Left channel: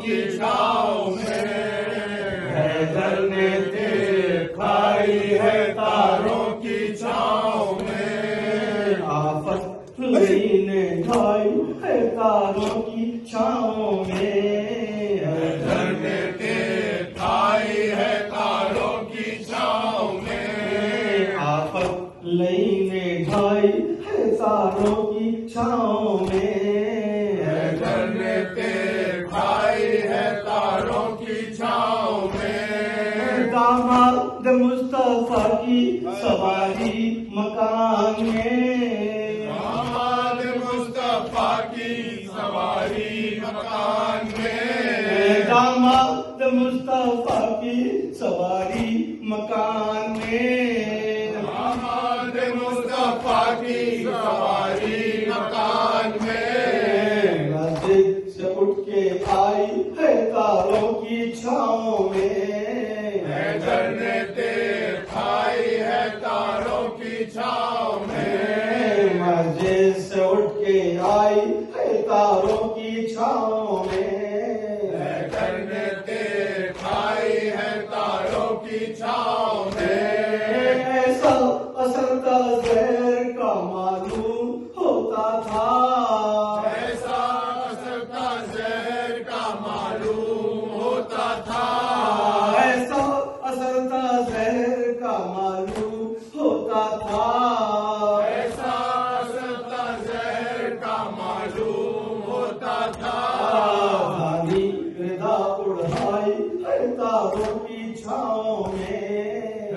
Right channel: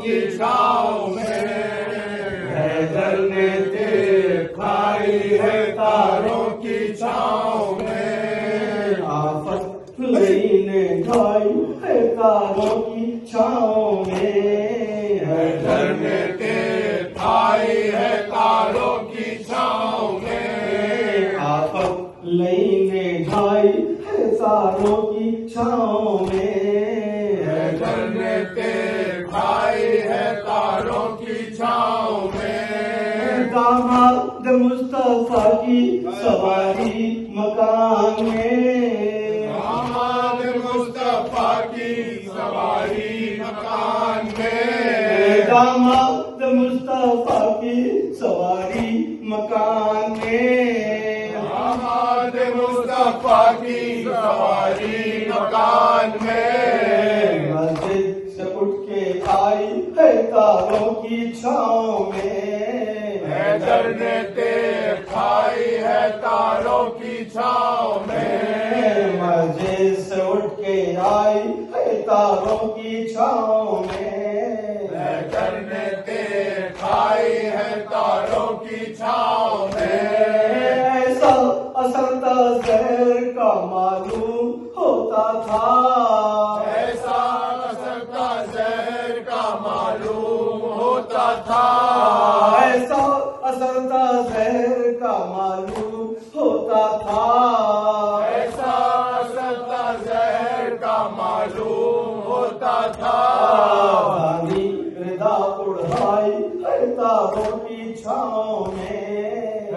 کی چھاؤں میں، حیدر نے ٹیک کھائی ہے تاروں کی چھاؤں میں، آفت حسین نے کھائی ہے تاروں کی چھاؤں میں، حیدر نے ٹیک کھائی ہے تاروں کی چھاؤں میں، آفت حسین نے کھائی ہے تاروں کی چھاؤں میں، حیدر نے ٹیک کھائی ہے تاروں کی چھاؤں میں، داماد مصطفیٰ کی سواری مکان میں، داماد مصطفیٰ کی سواری مکان میں، داماد مصطفیٰ کی سواری مکان میں، داماد مصطفیٰ کی سواری مکان میں، مسجد سے اٹھ کے آئی ہے تاروں کی چھاؤں میں، حیدر نے ٹیک کھائی ہے تاروں کی چھاؤں میں، مسجد سے اٹھ کے آئی ہے تاروں کی چھاؤں میں، حیدر نے ٹیک کھائی ہے تاروں کی چھاؤں میں، ایسا اثر تھا زہر کا معلوم ہوتا تھا، ایسا اثر تھا زہر کا معلوم ہوتا تھا، ایسا اثر تھا زہر کا معلوم ہوتا تھا، ایسا اثر تھا زہر کا معلوم ہوتا تھا، دانی ردا اڑائی ہے تاروں کی چھاؤں میں،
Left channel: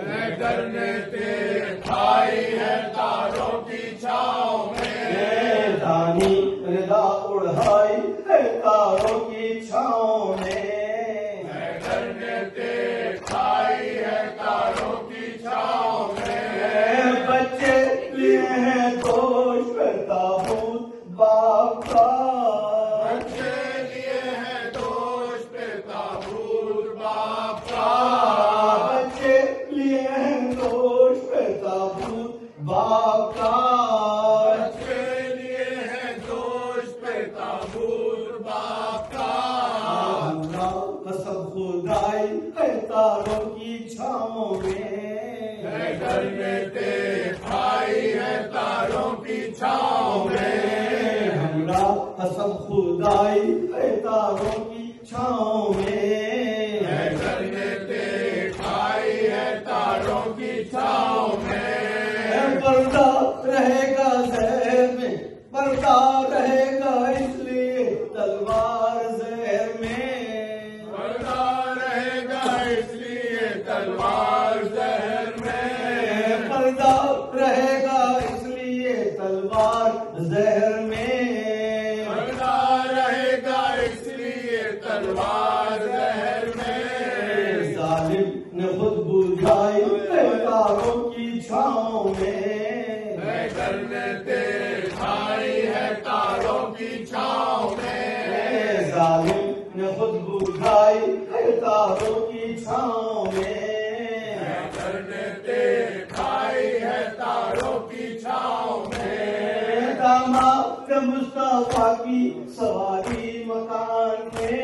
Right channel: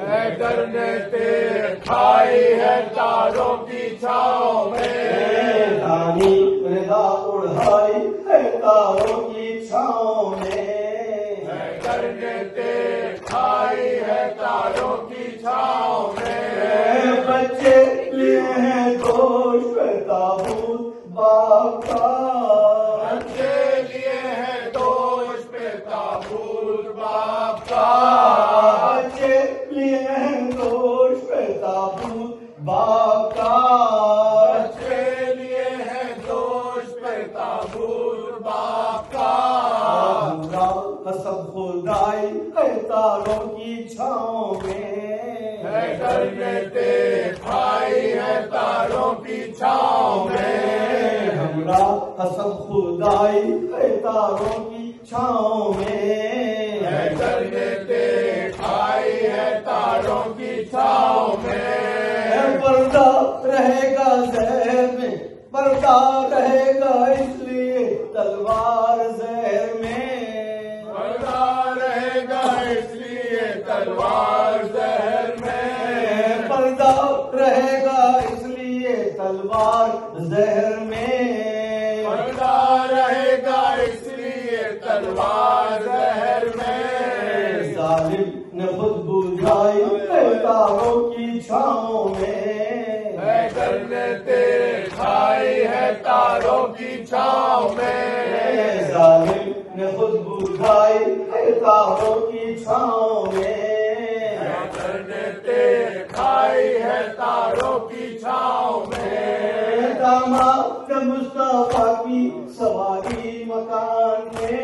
حیدر نے ٹیک کھائی ہے تاروں کی چھاؤں میں، دانی ردا اڑائی ہے تاروں کی چھاؤں میں، حیدر نے ٹیک کھائی ہے تاروں کی چھاؤں میں، بچے لیے ہیں گوشت پہ تابوت باپ کا، بچے لیے ہے دوش پہ تابوت باپ کا، بچے لیے ہیں گوشت پہ تابوت باپ کا، بچے لیے ہے دوش پہ تابوت باپ کا، ہمارا قسم خدائی ہے تاروں کی چھاؤں میں، حیدر نے ٹیک کھائی ہے تاروں کی چھاؤں میں، ہمارا قسم خدائی ہے تاروں کی چھاؤں میں، حیدر نے ٹیک کھائی ہے تاروں کی چھاؤں میں، پردہ رہے گا زہر میں، پردہ رہے گا اس لیے تلوار زہر میں، پردہ رہے گا اس لیے تلوار زہر میں، پردہ رہے گا اس لیے تلوار زہر میں، پردہ رہے گا اس لیے تلوار زہر میں، ظالم نے خود بجھائی ہے تاروں کی چھاؤں میں، حیدر نے ٹیک کھائی ہے تاروں کی چھاؤں میں، ظالم نے خود بجھائی ہے تاروں کی چھاؤں میں، حیدر نے ٹیک کھائی ہے تاروں کی چھاؤں میں، داماد مصطفیٰ کی سواری مکان میں،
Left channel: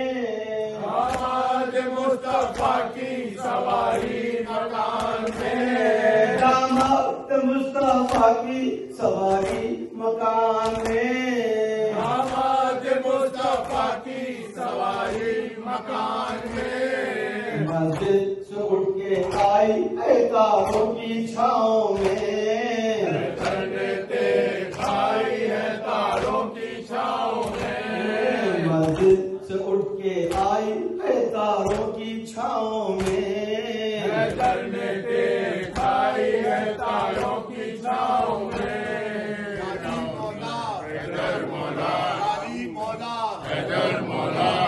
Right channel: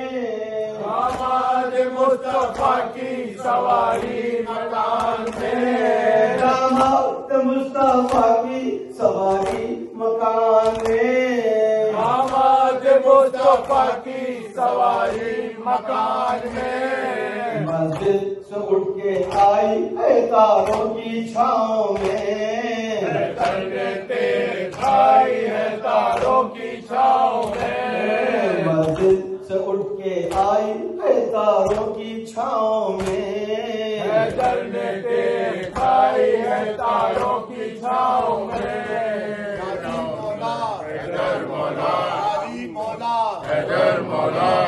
داماد مصطفیٰ کی سواری مکان میں، داماد مصطفیٰ کی سواری مکان میں، داماد مصطفیٰ کی سواری مکان میں، مسجد سے اٹھ کے آئی ہے تاروں کی چھاؤں میں، حیدر نے ٹیک کھائی ہے تاروں کی چھاؤں میں، مسجد سے اٹھ کے آئی ہے تاروں کی چھاؤں میں، حیدر نے ٹیک